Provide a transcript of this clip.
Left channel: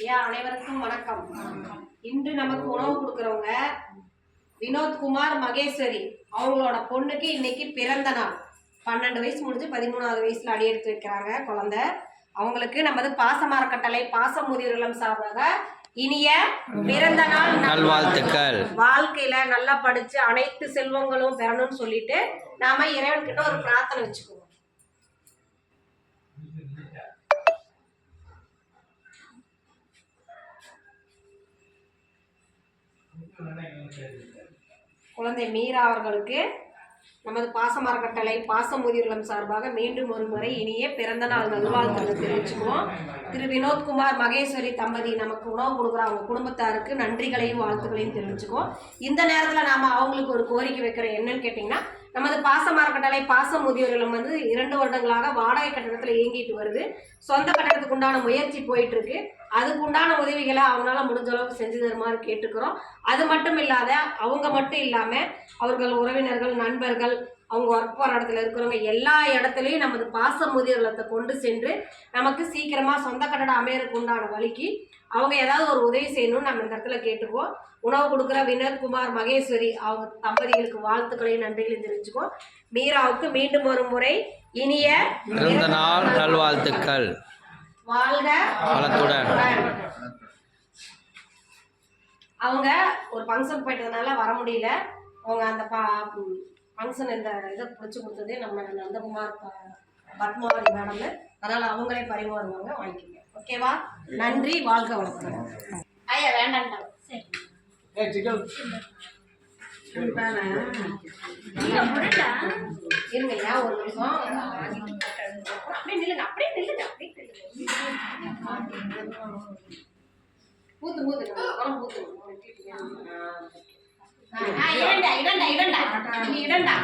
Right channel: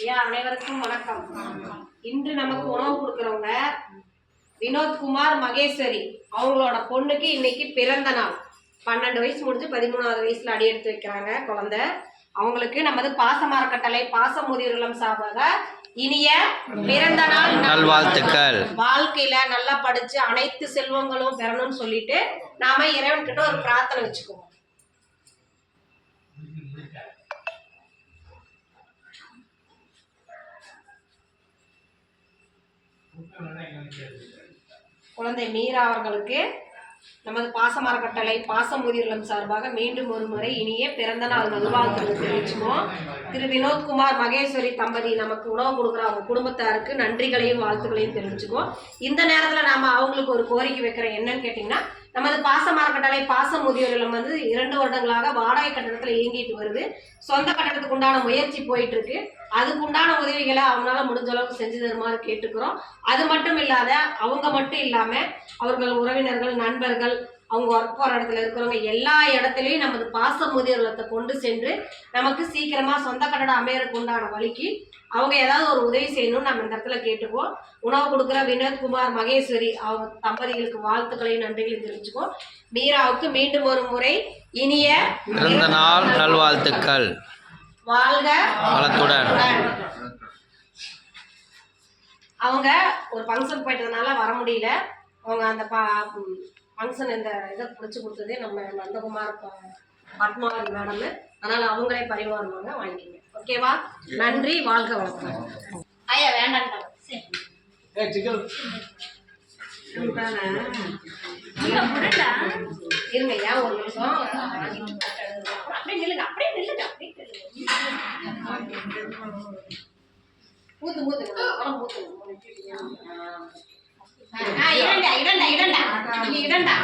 ஐயா அனைவருக்கும் வணக்கம். இன்று நமக்கு உணவு கொடுக்குறவங்க வினோத்குமார் மகேஸ்வரி. அவங்களோட பொண்ணுக்கு இன்னைக்கு பிறந்த நாள். 12 வயசு முடிஞ்சு 13வது வயசுல அடி எடுத்து வைக்கிறாங்க குழந்தை. அவங்களுக்கு நமது பாசமரக்கட்டளை பாசமுதிர்வுள்ளம் சார்பாக இனிய பிறந்த நாள் நல்வாழ்த்துக்கள். வாழ்க்கையில நல்லா படிச்சு அனைத்து செல்வங்களும் பெறணும்னு சொல்லிட்டு நாம இறைவன் கிட்ட ஒரு பிரார்த்தனை வச்சுக்குவோம். குழந்தை மீரா அவர்களுக்கு நமது பாசமரக்கட்டளை பாசமுதிர்வுள்ளம் சார்பாக மீண்டும் ஒரு முறை இனிய பிறந்த நாள் நல்வாழ்த்துக்களை தெரிவிச்சுக்குவோம். திரு வினோத்குமார் மகேஸ்வரி தம்பதி நமக்கு உணவு கொடுக்குற அவங்க குடும்பத்தாருக்கு நன்றிகளையும் வாழ்த்துக்களையும் தெரிவிச்சுக்குவோம். இந்த நேரத்தில் நாம அவங்களுக்கு ஒரு கோரிக்கை வைக்கிறோம். என்னன்னு கேட்டிங்கன்னா, நமது பாசமரக்கட்டளை பாசமுதிர்வுள்ளம் 2 வருடங்களாக வாடகை கட்டணத்தில் இயங்கிட்டு வருது. சொந்த கட்டணத்துக்கு உண்டான முயற்சி போயிட்டு இருக்கு. அதுக்கு உண்டான உதவிகளை அவங்களால முடிஞ்ச அளவுக்கு செஞ்சு தருமாறு கேட்டுக்கிறோம். அது மட்டும் இல்லாத அவங்க மட்டும் இல்லாம அவர்கள் உறவினர்கள், நண்பர்கள், அவங்க ஒர்க் போகிற இடத்துல இருக்கிறவங்க எல்லா இடத்துலையும் நமது பாசமுதிர்வுள்ளத்தை கொண்டு சென்று நமக்கு சீக்கிரமா சொந்த கட்டடம் அமையறதுக்கு உண்டான வழிக்கு அவங்க ஏதாவது ஒரு உதவி செய்யணும்னு நம்ம இந்த இடத்துல கேட்டுக்குவோம். உணவு கொடுக்குற வினோத்குமார் மகேஸ்வரி அவங்க தம்பதிகளுக்கு வாழ்த்துக்களையும் நன்றிகளையும் தெரிவிச்சுக்குவோம். மீராவுக்கு மீண்டும் ஒரு முறை இனிய பிறந்த நாள் நல்வாழ்த்துக்கள். வாழ்க வளத்துடன். அவங்க ஒரு ஃபங்க்ஷன் போயிட்டதுனால வர முடியல. அவங்க அந்த ஃபங்க்ஷன் இந்த இதை பிடிச்சி கொடுத்ததே நம்ம நந்தகுமார் பத்மாவதி மேடம். அதனால அவங்களே பரிமாறுவாங்க, வாங்கிக்கிங்க. ஓகேவா? நன்றி, வாழ்க வளத்துடன். ஐயா வேண்டாம் இருங்கய்யா ஒரு நிமிஷம். அப்படியே நில்லுங்க, அப்படியே நில்லுங்க, அப்படியே பூத்து பூத்துங்க பூத்துங்க. இடண்டா இடண்டா இடண்டா இடண்டா